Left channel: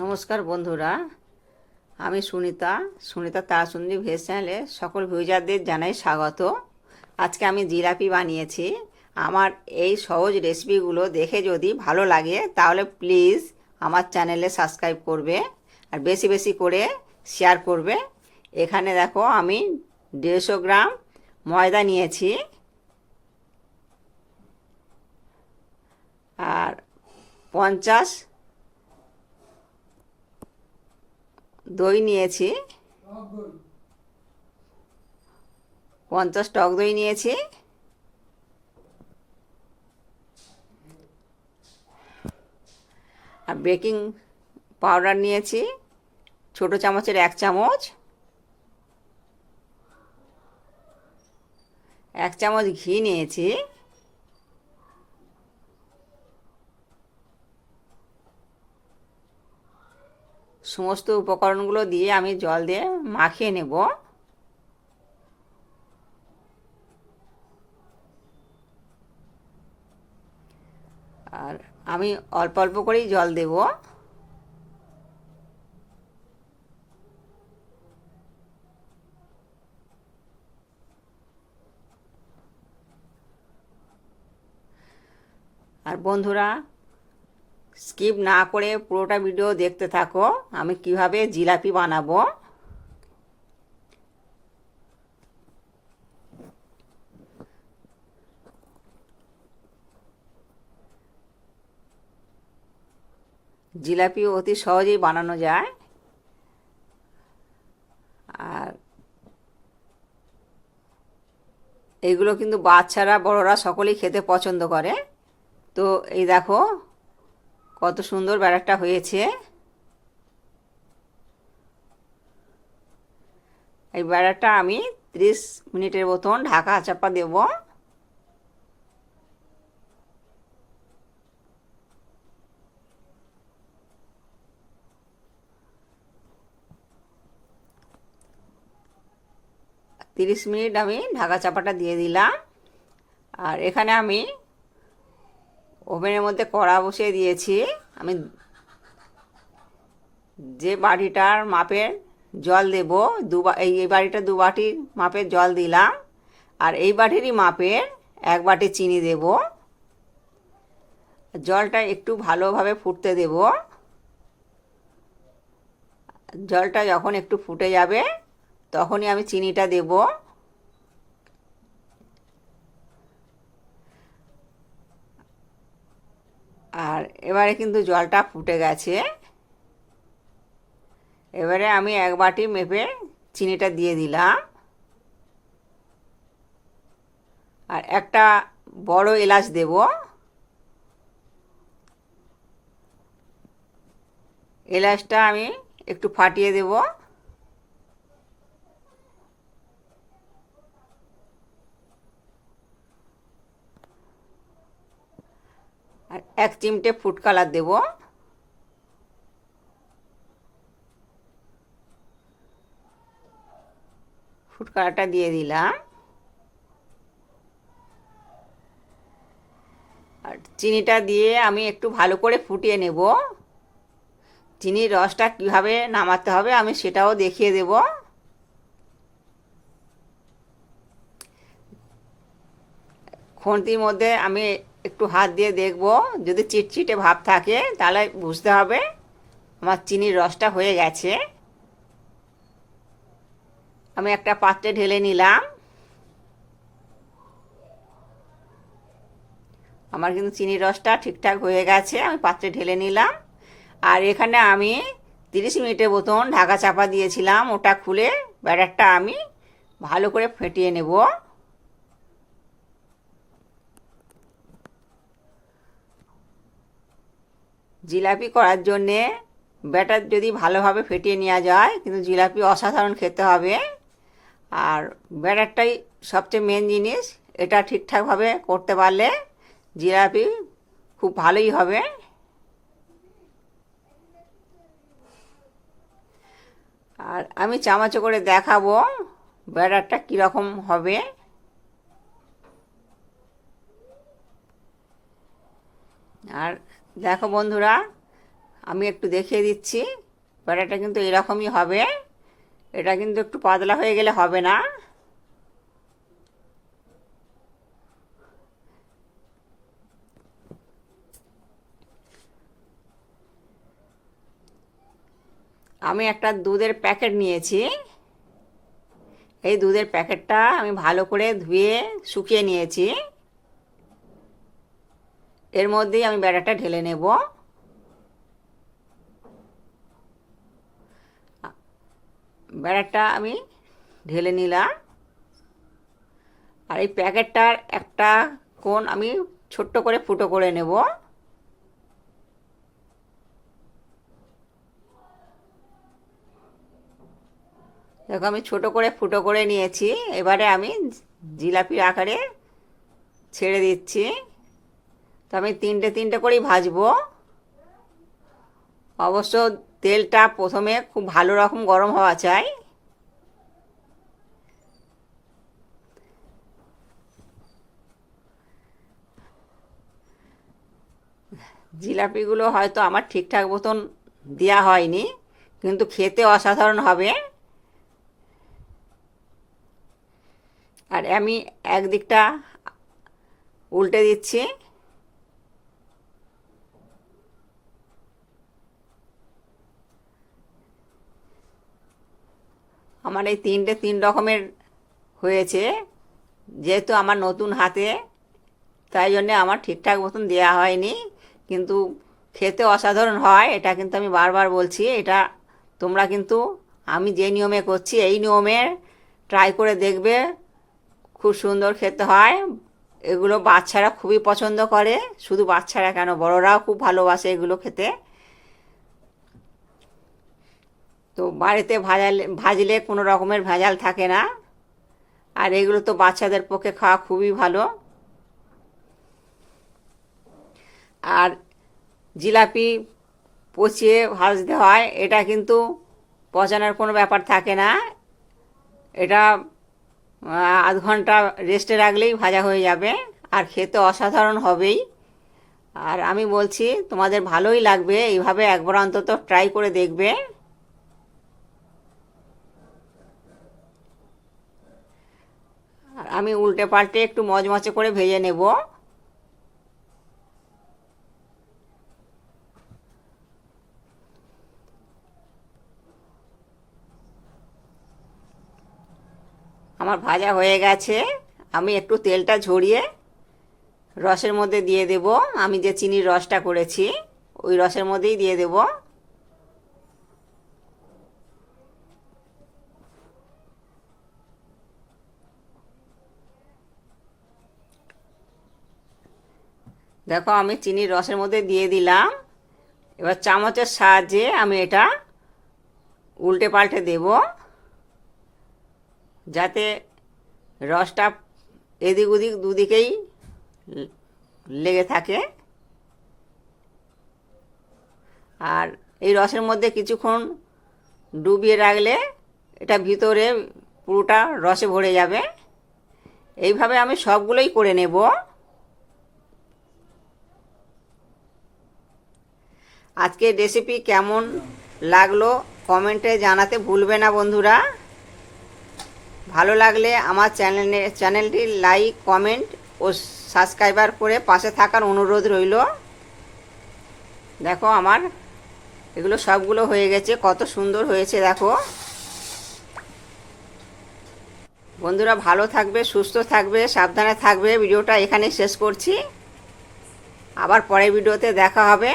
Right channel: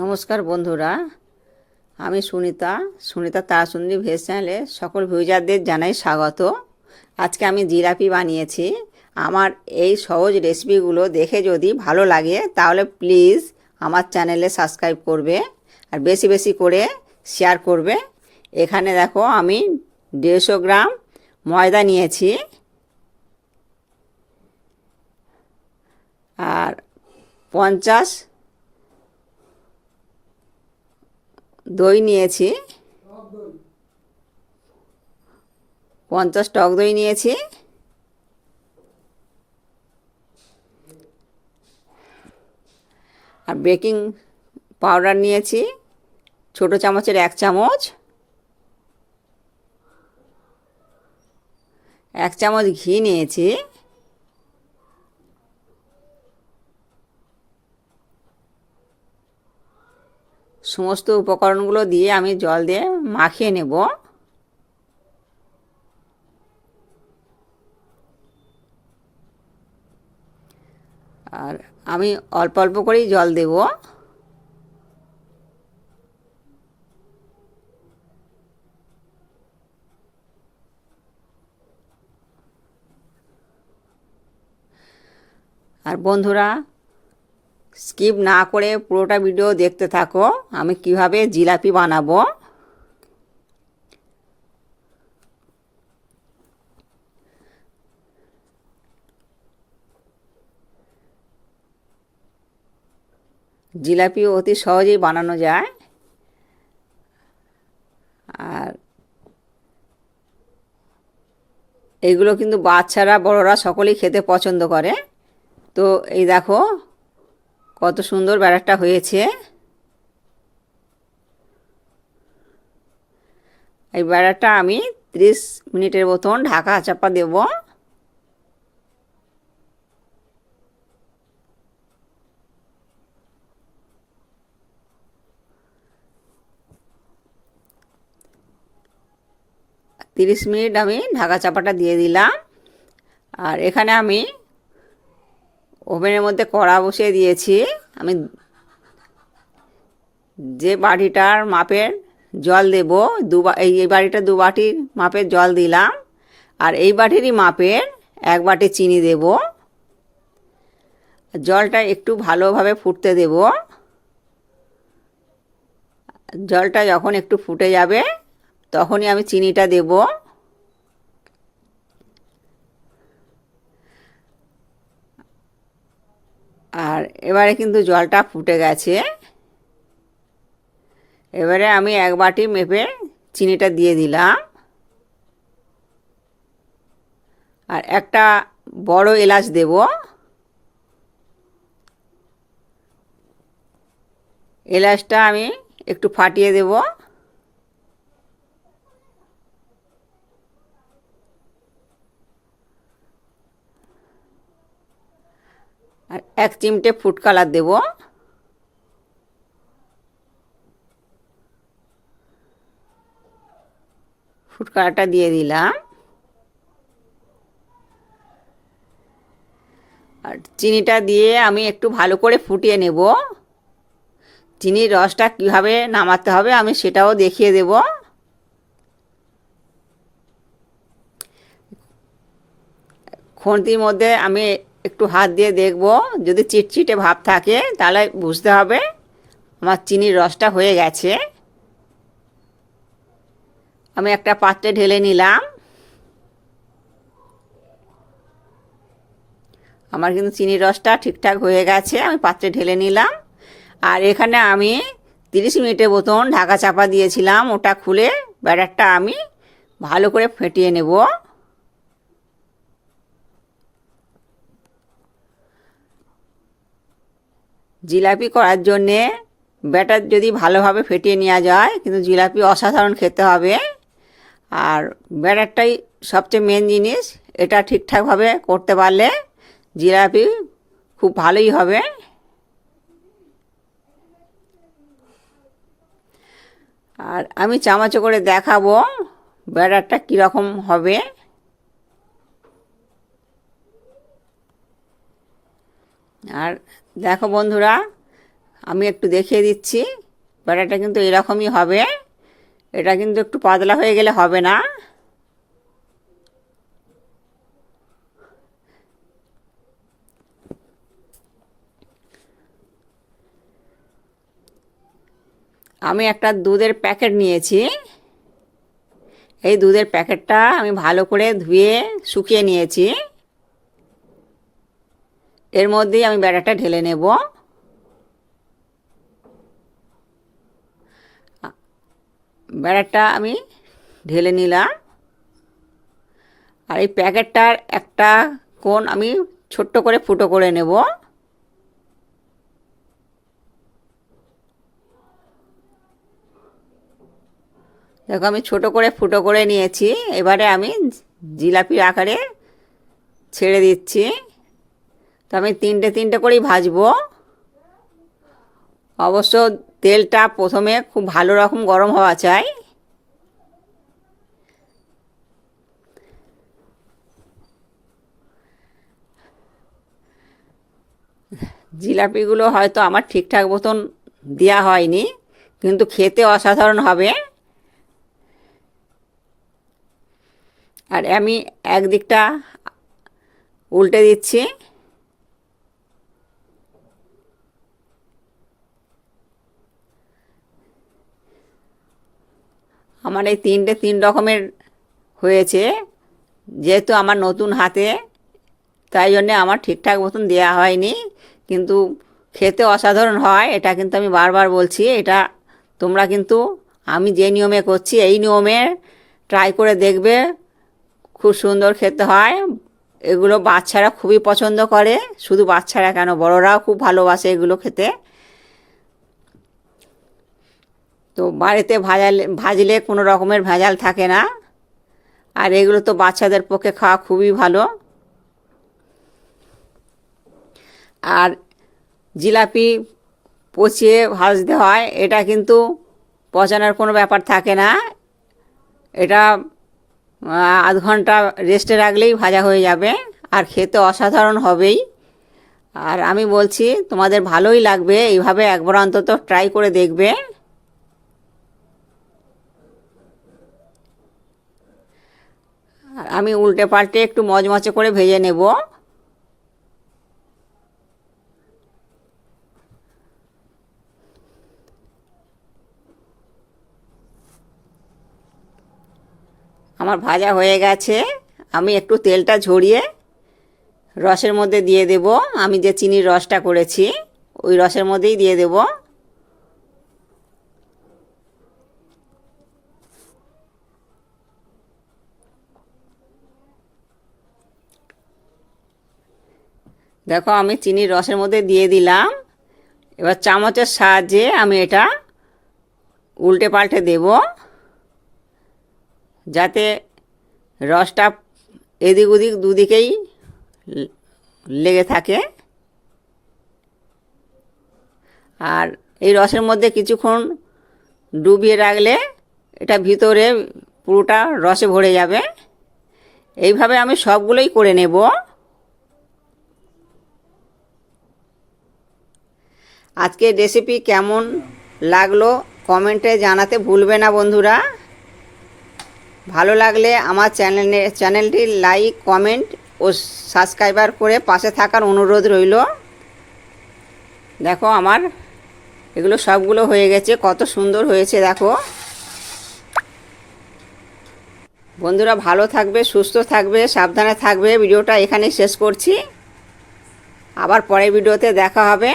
নমস্কার বন্ধুরা, আমি সুনিতা সুনিতা তারাসুন্দরী ভেজ চ্যানেলে সকল ভিউজারদের জানাই স্বাগত। আজকে আমি জিলাপি বানিয়েছি। আমার এই সহজ রেসিপিগুলো দেখে যদি ভালো লাগে, তাহলে প্লিজ আমার চ্যানেলে সাবস্ক্রাইব করবে আর বেশি বেশি করে শেয়ার করবে। এখানে দেখো, আমি দেড়শো গ্রাম ময়দা নিয়েছি। আর পঞ্চাশ দই নিয়েছি। পঞ্চাশ টক দই নিয়েছি। আর বেকিং পাউডার নিয়েছি। ছোট চামচের এক চামচ। এক চামচ ঘি নিয়েছি। সমস্ত উপকরণগুলো দিয়ে আমি জল দিয়ে মাখিয়ে নেব। আর আমি অল্প অল্প করেই জল দেব। আর বন্ধুরা স্কিপ না করে পুরোটা ভিডিও দেখতে থাকো। আমি কীভাবে জিলাপি বানাবো? জিলাপি অতি সহজেই বানানো যায়। আর এগুলো কিন্তু বাচ্চারা, বড়রা সকলেই খেতে পছন্দ করে। তো এই দেখো কত সুন্দর ব্যাটারটা হয়েছে। এই ব্যাটারটা আমি ত্রিশ মিনিটের মতন ঢাকা চাপা দেব। তিরিশ মিনিট আমি ঢাকা চাপাটা দিয়ে দিলাম। আর এখানে আমি ওভেনের মধ্যে কড়া বসিয়ে দিয়েছি। আমি যে বাটিটার মাপের জল দেব, দু এই বাটিটা দু বাটির মাপের জল দিলাম। আর এই বাটিরই মাপের এক বাটি চিনি দেব। জলটা একটু ভালোভাবে ফুটতে দেব। জলটা যখন একটু ফুটে যাবে, তখনই আমি চিনিটা দেবো। আর এবারে কিন্তু জলটা ফুটে গেছে। এবারে আমি এক বাটি মেপে চিনিটা দিয়ে দিলাম। আর একটা বড় এলাচ দেব। এলাচটা আমি একটু ফাটিয়ে দেব। আর এক চিমটে ফুড কালার দেব। ফুড কালারটা দিয়ে দিলাম। আর চিনিটা দিয়ে আমি একটু ভালো করে ফুটিয়ে নেব। চিনির রসটা কীভাবে নামাতে হবে আমি সেটাও দেখিয়ে দেব। খন্তির মধ্যে আমি একটু হাত দিয়ে দেখব। যদি চিটচিটে ভাব থাকে, তাহলে বুঝতে হবে আমার চিনির রসটা হয়ে গেছে। আমি একটা পাত্রে ঢেলে নিলাম। আমার কিন্তু চিনির রসটা ঠিকঠাক হয়ে গেছে, আমি পাত্রে ঢেলে নিলাম। আর এখানে আমি তিরিশ মিনিটের মতন ঢাকা চাপা দিয়েছিলাম, ওটা খুলে ব্যাটারটা আমি ভালো করে ফেটিয়ে নেব। জিলাপি করার জন্যে ব্যাটার যদি ভালোভাবে ফেটিয়ে নেওয়া যায়, কিন্তু জিলাপি অসাধারণ খেতে হবে। আর ব্যাটারটাই সবচেয়ে মেন জিনিস, এটা ঠিকঠাকভাবে করতে পারলে জিলাপি খুব ভালোই হবে। আর আমি চামচে করে দেখাবো ব্যাটারটা কীরকম হবে। আর দেখো বন্ধুরা, আমি একটু দেখিয়ে দিচ্ছি ব্যাটাটা কিন্তু এরকমই হবে। এটা কিন্তু একটু পাতলা হয়ে গেলে হবে না। আমি একটা দুধের প্যাকেট নিয়েছি। এই দুধের প্যাকেটটা আমি ভালো করে ধুয়ে শুকিয়ে নিয়েছি। এর মধ্যেই আমি ব্যাটারটা ঢেলে নেব। ব্যাটারটা আমি ঢেলে নিলাম। আর এই প্যাকেটটার একটা কোণ আমি ছোট্ট করে ফুটো করে নেব। দেখো আমি ছোট করে ফুটো করে নিয়েছি। এবারে আমি জিলাপির আকারে ছেড়ে দিচ্ছি। তো আমি তিনটে তিনটে করেই ভাজবো। অবশ্য তেলটা প্রথমে খুব ভালো রকম গরম হওয়া চাই। জিলাপিগুলো হয়তো আমার ঠিকঠাক মতন দেওয়া হয়নি, কিন্তু খেতে অসাধারণ হবে। আর আমি একদিকটা উল্টে দিচ্ছি। আমার এই তিনটে তিন রকমের হয়েছে, যেহেতু আমার নতুন হাতে, তাই জন্যে আমার ঠিকঠাক মতন দেওয়া হয়নি। কিন্তু খেতে অসাধারণ হয়, এটা কিন্তু আমি বারবার বলছি, এটা তোমরা কিন্তু, আমি যে নিয়মে করছি, এই নিয়মে ট্রাই করে দেখবে, খুব সুন্দর খেতে হয়। এগুলো বাচ্চারা খুবই পছন্দ করে, শুধু বাচ্চারা কেন, বড়রাও খুব ভালোবাসে এগুলো খেতে। তো বাড়িতে ভাজালে, ভাজলে কোনো রকমের ভেজাল থাকে না। আর এগুলো তো বাচ্চাদের পক্ষে খাওয়া খুবই ভালো। আর জিলাপি পচিয়ে ভাজতে হয়, এটা কিন্তু পচানোর কোনো ব্যাপার থাকে না। এটা আধ ঘণ্টা রেস্টে রাখলেই ভাজা হয়ে যাবে, আর খেতে অসাধারণ হবেই। আর আমি বলছি, তোমাদের ভালোই লাগবে, এইভাবে একবার অন্তত ট্রাই করে দেখবে আর আমি উল্টে পাল্টে একটু মচমচে করে ভেজে নেব। আমার ভাজা হয়ে গেছে। আমি একটু তেলটা ঝরিয়ে রসের মধ্যে দিয়ে দেব। আমি যে চিনির রসটা করেছি, ওই রসের মধ্যেই দিয়ে দেব। দেখো, আমি চিনির রসের মধ্যে দিয়ে দিলাম। এবার চামচের সাহায্যে আমি এটা উল্টে পাল্টে দেবো, যাতে রসটা এদিক ওদিক দুদিকেই লেগে থাকে। আর এই রসের মধ্যে কিছুক্ষণ ডুবিয়ে রাখলে এটা ভিতরে পুরোটা রসে ভরে যাবে। এইভাবে আমি সবগুলোই করে নেব। আজকের রেসিপি কেমন লাগল কমেন্টে জানাতে ভুলবে না বন্ধুরা। ভালো লাগলে আমার চ্যানেলে চ্যানেলটি লাইক কমেন্ট ও সাবস্ক্রাইবার করে পাশে থাকার অনুরোধ রইল। দেখো আমার এগুলো সবগুলো হয়ে গেছে, কত সুন্দর হয়েছে দেখো। বন্ধুরা ভালো থাকবে, সুস্থ থাকবে, সাবধানে থাকবে। ভিডিওটা এখানেই শেষ করছি। আবার পরের ভিডিওতে দেখা হবে।